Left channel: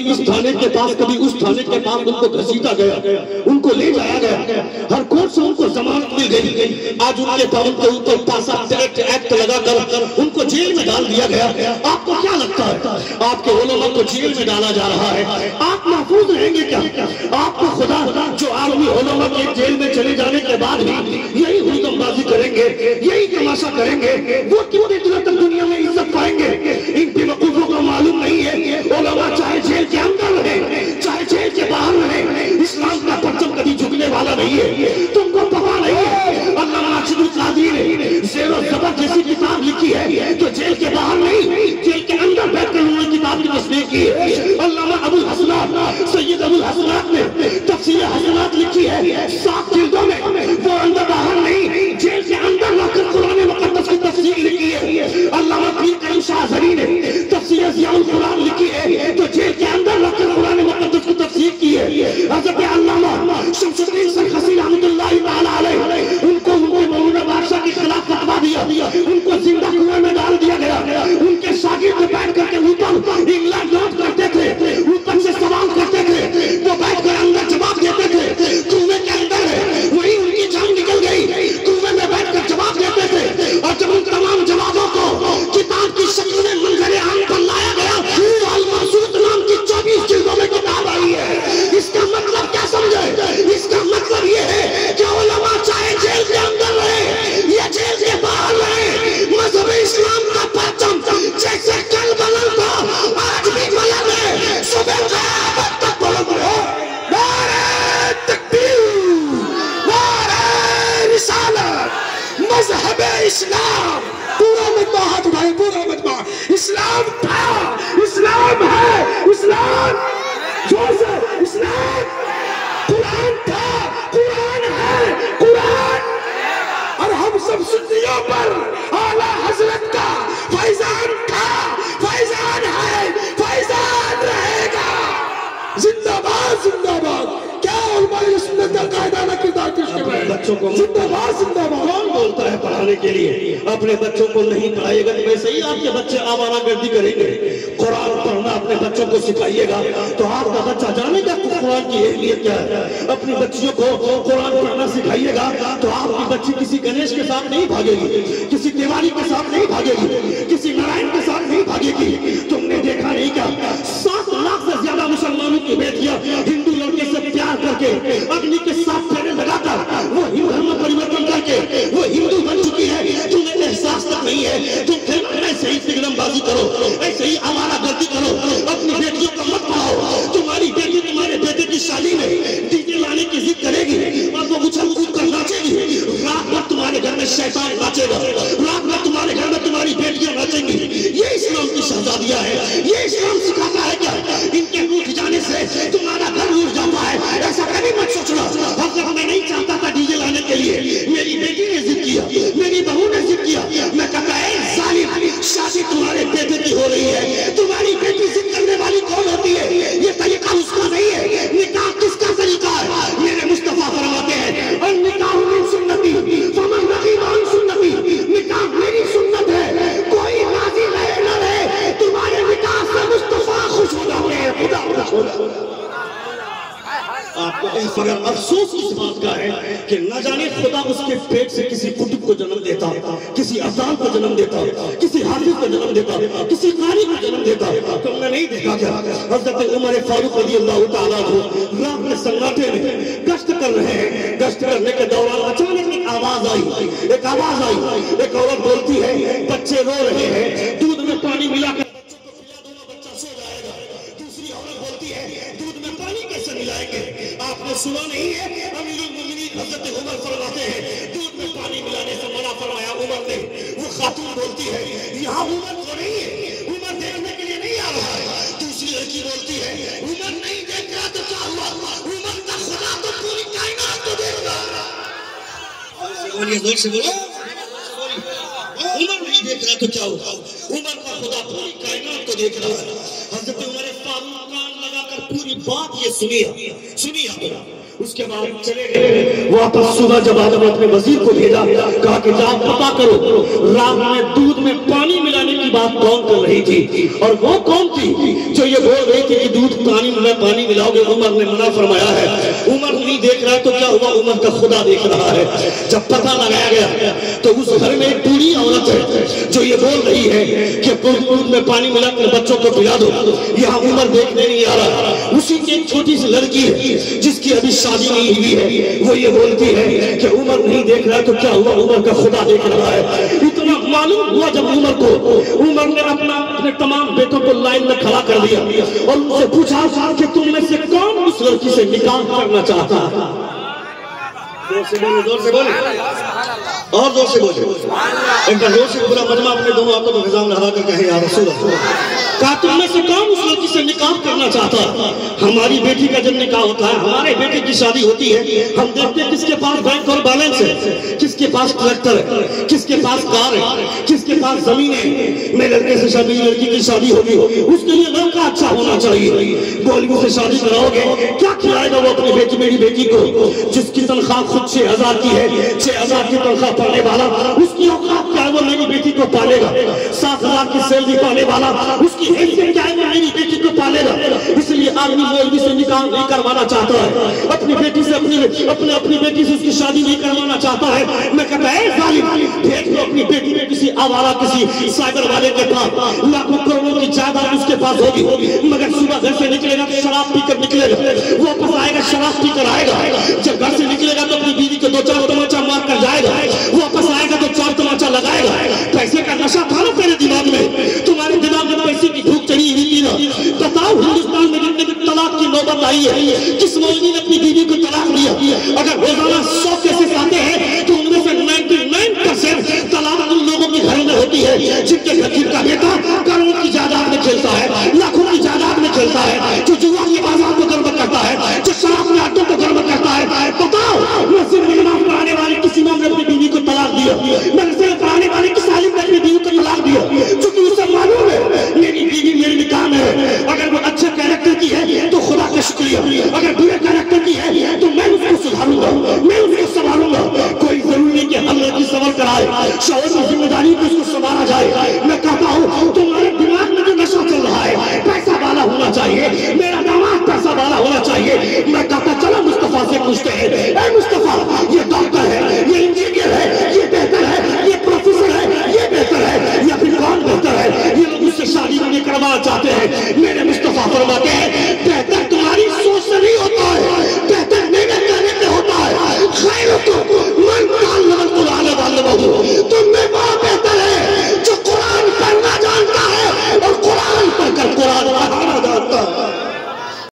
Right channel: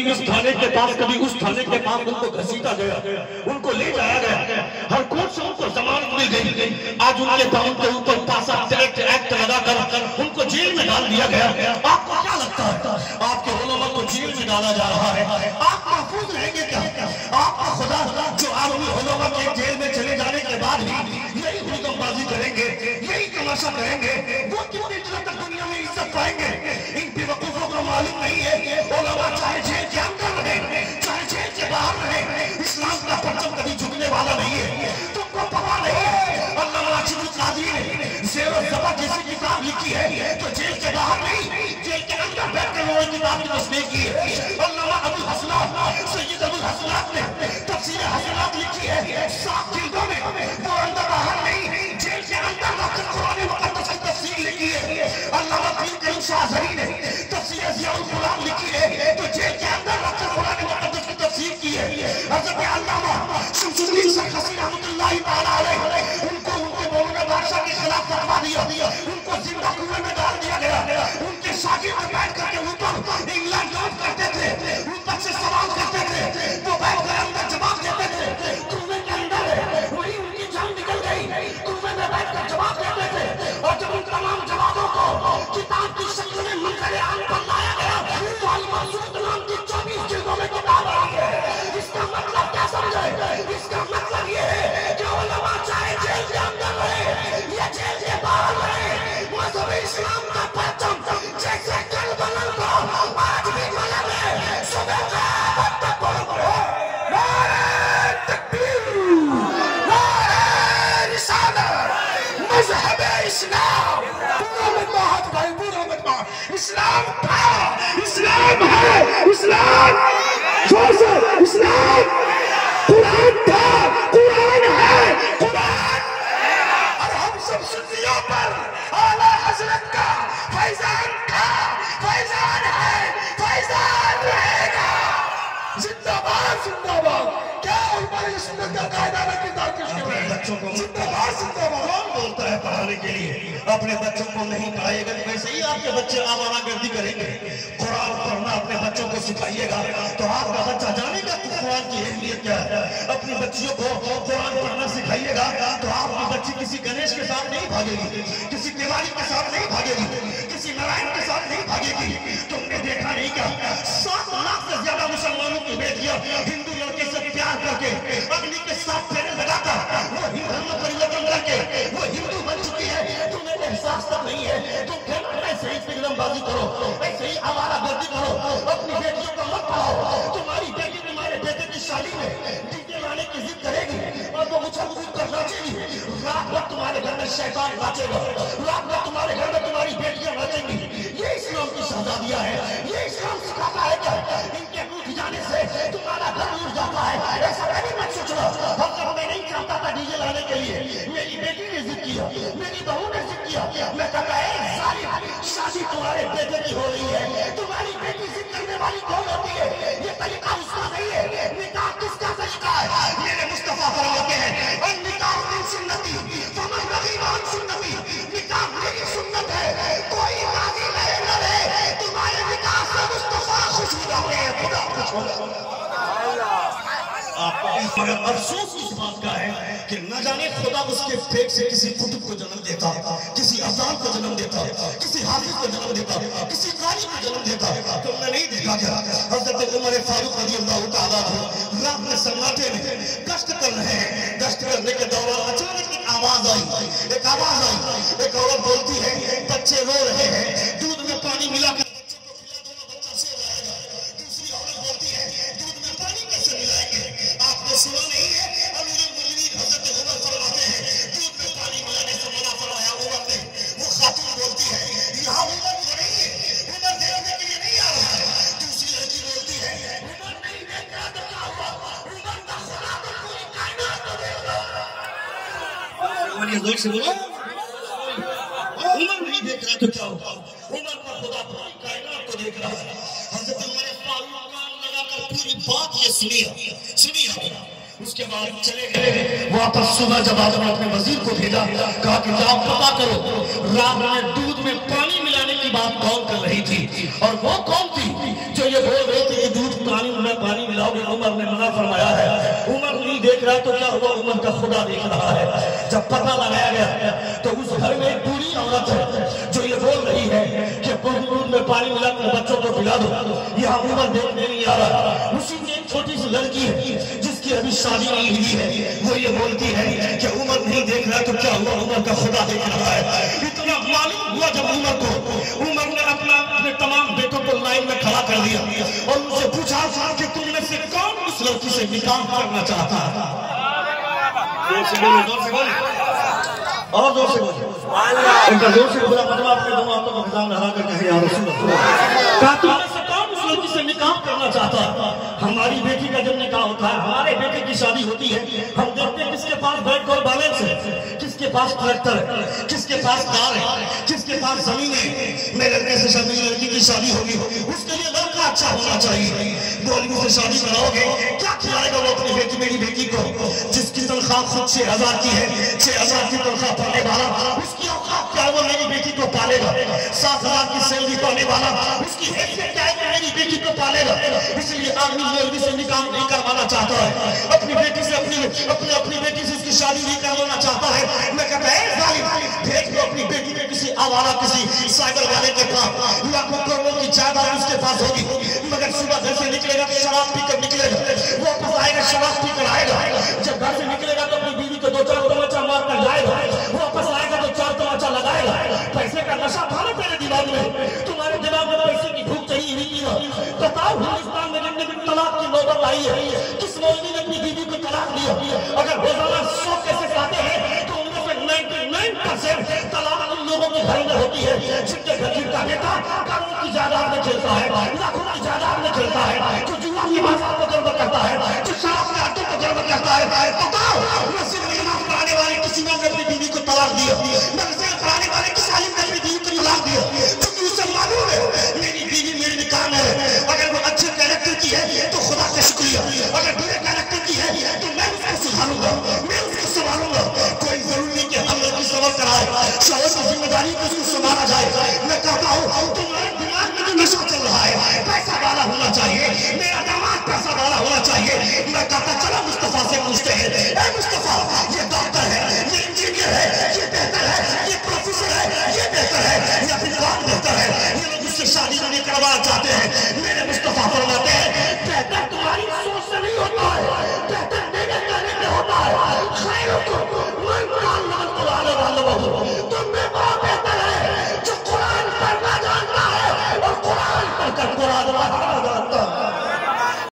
کبھی اس تھانے کے پاس کبھی اس تھانے کے پاس ان کو گھسیٹا گیا، ان کو لے جایا گیا، ہر کورٹ سے ان کو ضمانت مل گئی، آج ان کے پاؤں کے اوپر پاسا ایکٹ لگا کر ان کو جیل میں ڈال دیا گیا۔ آپ کو کیا لگتا ہے آپ کے علماء کو جیل میں ڈالا جا رہا ہے، آپ محفوظ رہیں گے کیا؟ آپ کو خدا جو عالمی علماء کے جیل میں چلے جانے کے بعد بھی یہی حکم بازی کریں گے، یہی تماشا کریں گے، وہ کتنے دنوں تک دنیا میں عزت پائیں گے؟ ان بے وقوفوں کو معلوم نہیں ہے علماء چاہے جیل کے اندر رہے چاہے جیل کے باہر رہے، اسلام کا پرچم کبھی جھکنے والا نہیں ہے۔ تم کو پتا نہیں ہے علامہ راشد القادری نے زیر و زبر جیسی کتاب لکھی ہے تو جیل کے باہر نہیں جیل کے اندر بیٹھ کر وہ کتاب کی تصنیف کی ہے۔ علامہ ابو الحسنات سید ابو الحسنات نے تفسیر حسنات لکھی ہے 7 جلدوں میں، وہ اندر باہر نہیں جیل کے اندر رکھ کر قرآن مقدس کی تفسیر لکھی ہے۔ علامہ پیر کریم شاہ زری نے تفسیر ضیاء القرآن لکھی ہے تو جیل کے اندر رکھ کر قرآن مقدس کی تفسیر کی ہے۔ حضرت علامہ شمس الدین سرخسی رحمۃ اللہ تعالیٰ علیہ ان کو مامون بادشاہ کے خلاف فتوا دیا، ان کو زندہ کنویں میں ڈال دیا گیا، ان کے شاگرد بیٹھ کر کے اوپر انگلینڈ نوٹ کرتے تھے، اوپر سے سوال کرتے تھے، وہ بیٹھ کر اندر جواب دیتے تھے، کنویں کے اندر ہے وہی ان کی جان نکل گئی، کنویں میں بیٹھ کر جواب دیتے تھے، اور جب ان تمام جوابوں کو کتاب کی شکل میں منظر عام پر لایا گیا تو المقصود نام کی 24 جلدوں میں کتاب آئی ہے۔ اس کا مطلب کیا سمجھے؟ اس کا مطلب یہ ہے کہ علماء چاہے جیل کے اندر رہے یا جیل کے باہر رہے، مذہب اسلام کا پرچم جیسے کل بلند تھا آج بھی بلند ہے، صبح قیامت تک بلند رہے۔ نعرہ تکبیر، نعرہ رسالت، مذہب اسلام، پورا مجمع ہاتھ اٹھائیں، پورا مجمع، اسلام تھا، اسلام ہے، اسلام زور سے، اسلام قرآن تھا، قرآن ہے، قرآن، اور ہم سب سنیوں پر اعلیٰ حضرت کا فیضان تھا، فیضان ہے، فیضان رہے گا۔ زندہ باد، زندہ باد، کیا ہماری سنت کا قاعدہ میں کردار پیش کر رہے ہیں؟ بچوں کو زندہ باد، زندہ باد کون بولتا ہے پڑھانے کے لیے؟ اپنے بچوں کو نہیں پڑھائے گا تو ویسے ہی آپ کے بچے آوارہ گردی کریں گے۔ قرآن پڑھنا اپنے بچوں کو سکھائیے گا تو آپ کا بچہ جانے گا کہ قرآن کی اہمیت کیا ہے۔ اپنی بچیوں کو قرآن پڑھنا سکھائیے گا تو آپ کی بچی کسی گنیش کے ساتھ نہیں بھاگے گی، کسی دیوالی کے ساتھ نہیں بھاگے گی، کسی نارائن کے ساتھ نہیں بھاگے گی۔ تم نے دیکھا نہیں کیا 7 لاکھ سے زیادہ مسلمانوں کی بیٹیاں ہندو لڑکے سے پیار کر کے اگنی کے ساتھ پھیرے لگا کر وہ ہندو میں پریورتن کر کے وہ ہندو بن چکی ہے، تمہیں احساس تک نہیں ہے۔ تم پھر ایسے ہی فلم بازی کرو، ایسے ہی آوارہ گردی کرو، اپنی بیٹیوں کو مت پڑھاؤ۔ تمہاری بیٹی تمہارے بیٹے کی شادی میں ڈی جے لانے کی ضد کرے گی اور وہ اچھل کود کر ناچے گی، رات بھر تمہارے گھر میں شیطان ناچے گا، رات بھر تمہارے گھر میں تمہاری بیٹیاں ناچیں گی۔ یہ اسلام کی شہزادیاں ہیں، یہ اسلام سکھاتا ہے کیا ان کے اٹھ جانے سے تمہارا گھر اٹھ جاتا ہے؟ ایسا کبھی مت سوچنا۔ حضرت میں نہیں چاہتا تھا ڈی جے لانے کے لیے، میری بیٹی نے ضد کیا، میری بہو نے ضد کیا، میں کہتا ہے ظالم شادی تمہارے بیٹے کی ہو رہی ہے، تمہاری بیٹی ضد کرنے والی کون ہوتی ہے؟ یہ طریقہ اس کا نہیں ہے۔ نکاح کس کا طریقہ ہے؟ میرے مصطفیٰ فرماتے ہیں اور نکاح من سنتی فمن رغب عن سنتی، نکاح میری سنت ہے، کوئی راضی رہے نہ رہے، تمہارے نکاح سے مصطفیٰ خوش ہو جاؤ گے، خدا خوش ہو جاؤ گے۔ مگر افسوس اس بات کا ہے کہ نہ جانے خدا اس کے پیٹ سے کسی کتب کو جنم دیتا، کسی اذان کو جنم دیتا، کسی حافظ کو جنم دیتا، کسی قاری کو جنم دیتا۔ تم نے نہیں دیکھا کیا حضرت عمر فاروق رضی اللہ تعالیٰ عنہ رات میں سناٹے میں گشت کر رہے ہیں، گشت کرنے کے دوران اچانک ایک آواز آئی، ایک آواز آئی، ایک عورت بولتی ہے بچے رو رہے ہیں، دودھ میں پانی ملا کر سنا نہیں ہے۔ امیر المومنین حضرت عمر فرماتے ہیں دودھ میں پانی ملانے سے منع فرمایا عمر نے۔ وہ خاتون بولتی ہے یہاں عمر تو نہیں ہے، عمر دیکھنے کے لیے نہیں آ رہا ہے۔ دوسری لڑکی بولتی ہے عمر نہیں دیکھ رہا تو کیا ہوا، عمر کا خدا تو پوری کائنات کو دیکھ رہا ہے۔ بولیے زور سے بولو، عمر نہیں دیکھ رہا تو کیا ہوا، عمر کا خدا پوری کائنات کو دیکھ رہا ہے۔ حضرت عمر فاروق کان لگا کر پوری بات یہ سنی ہے۔ اس کے بعد چلے گئے واپس۔ صبح جب آدم نے اپنے وزیر کو بھیجا، کہا کہ جاؤ پتا کرو رات میں دودھ میں پانی ملانے کی بات کون کر رہی تھی، اور وہ کون تھی جو یہ بول رہی تھی کہ دودھ میں پانی ملاؤ گے، عمر نے منع فرمایا ہے۔ عمر نہیں دیکھ رہا تو کیا ہوا، عمر کا خدا دیکھ رہا ہے۔ جب پتہ لگایا گیا تو اس گھر میں ایک بوڑھی عورت ہے جو یہ بول رہی ہے کہ دودھ میں پانی ملا کر بچوں کو پلا دو، یہاں عمر دیکھنے نہیں آ رہا۔ اسی کی ایک چھوٹی سی لڑکی ہے جس کی ابھی شادی نہیں ہوئی ہے، وہ یہ بولتی ہے کہ عمر نہیں دیکھ رہا تو کیا ہوا، عمر کا خدا دیکھ رہا ہے۔ اتنا معلوم ہوا جب عمر نے اپنے تمام بیٹوں کو لائن میں کھڑا کر دیا اور ان سے پوچھا کہ تم میں سے کون اس لڑکی سے نکاح کرنا چاہتا ہے؟ زور سے بولے، زور سے بولے، اور زور سے بولے، ایک بار زور سے پورا مجمع اپنے دونوں ہاتھوں کو خزان لگا کر کہے یا رسول اللہ، کہا تم میں سے کون اس لڑکی سے نکاح کرنا چاہتا ہے؟ ہماری بیٹی کا جب نکاح ہوتا ہے، ہمارے بیٹے کی شادی ہوتی ہے، ہم دیکھتے ہیں کس کے پاس بینک اور بیلنس ہے، کس کے پاس ٹریکٹر ہے، کس کے پاس کار ہے، کس کے پاس زمین ہے۔ میرے لڑکے سے شادی، لڑکی کی شادی ہوگی، اس کے لیے لڑکا اچھا ہونا چاہیے۔ گولیوں سے شادی کراؤ گے، کیا کھلائے گا وہ اپنی بیٹی، میری بیٹی کو جس کی تنخواہ خود 6,000 کی ہے، 6,000 کی تنخواہ پانے والا، اس کی اوقات کیا ہے وہ میری بیٹی کو پالے گا؟ 7,000 کی سیلری پانے والا، اس کی حیثیت کیا ہے وہ میری بیٹی کو پالے گا؟ اس لیے آدمی مولوی سے نکاح نہیں کروانا چاہتا ہے، اپنی بیٹی سے اپنی بیٹی سے اس کی شادی نہیں کروانا چاہتا ہے۔ میں کہتا ہے ظالم، بھیج دو اپنی بیٹی میں کسی آوارہ، کسی سائبر والے کے پاس، لاکھوں کروڑوں کی جائیداد اس کے پاس ہوگی، مگر صبح گھر سے نکلے گا تو شراب پی کر نکلے گا، واپس آئے گا شراب پی کر آئے گا۔ جب گھر سے نکلے گا تو اپنی بیوی کو 2-4 تماچا مار کر جائے گا، واپس آئے گا تو 4 تماچا لگائے گا۔ پیسے کا نشہ تھا نا تیرے دماغ میں، تمہارے دماغ میں پیسے کی بھوک چڑھی ہوئی تھی نا۔ بتاؤ ہندوستان میں جتنے بھی طلاق کی نوبت آئی ہے، کس مولوی نے اپنی بیوی کو طلاق دیا؟ اگر روزانہ 100 کیسز آتے ہیں تو ان میں سے 99% طلاق ان لوگوں کے گھر میں ہوتی ہے جن کے گھر کا بیٹا کروڑوں کی جائیداد میں کھیلتا ہے، لاکھوں کی جائیداد میں کھیلتا ہے، جو جوا کی بازار کو گربت کرتا ہے، جو شراب میں اڈوں کو گربت کرتا ہے۔ بتاؤ نصیب نماز پڑھانے والے کسی نے اپنی بیوی کو طلاق دیا، نصیب پڑھانے والے کسی عالم نے اپنی بیوی کو طلاق دیا، کیونکہ اسے معلوم ہے میری بیوی میرے نکاح میں ہے۔ اگر وہ اچھے کیریکٹر کی ہے تو خدا کا شکریہ، اگر برے کیریکٹر کی ہے تو میں اس کو سدھاروں گا، میں اس کو سنبھالوں گا۔ کوئی ضروری نہیں کہ ہم لڑکی سنبھل کر آئے، شوہر کی ذمہ داری کو اس کو سنبھالا جائے۔ میں کہتا ہوں تمہارے دماغ میں جو نشہ چل رہا ہے، پیسہ والا ہونا چاہیے، میرا داماد پیسہ والا ہونا چاہیے۔ میں کہتا چلو مصطفیٰ سے پوچھتے ہیں، اے مصطفیٰ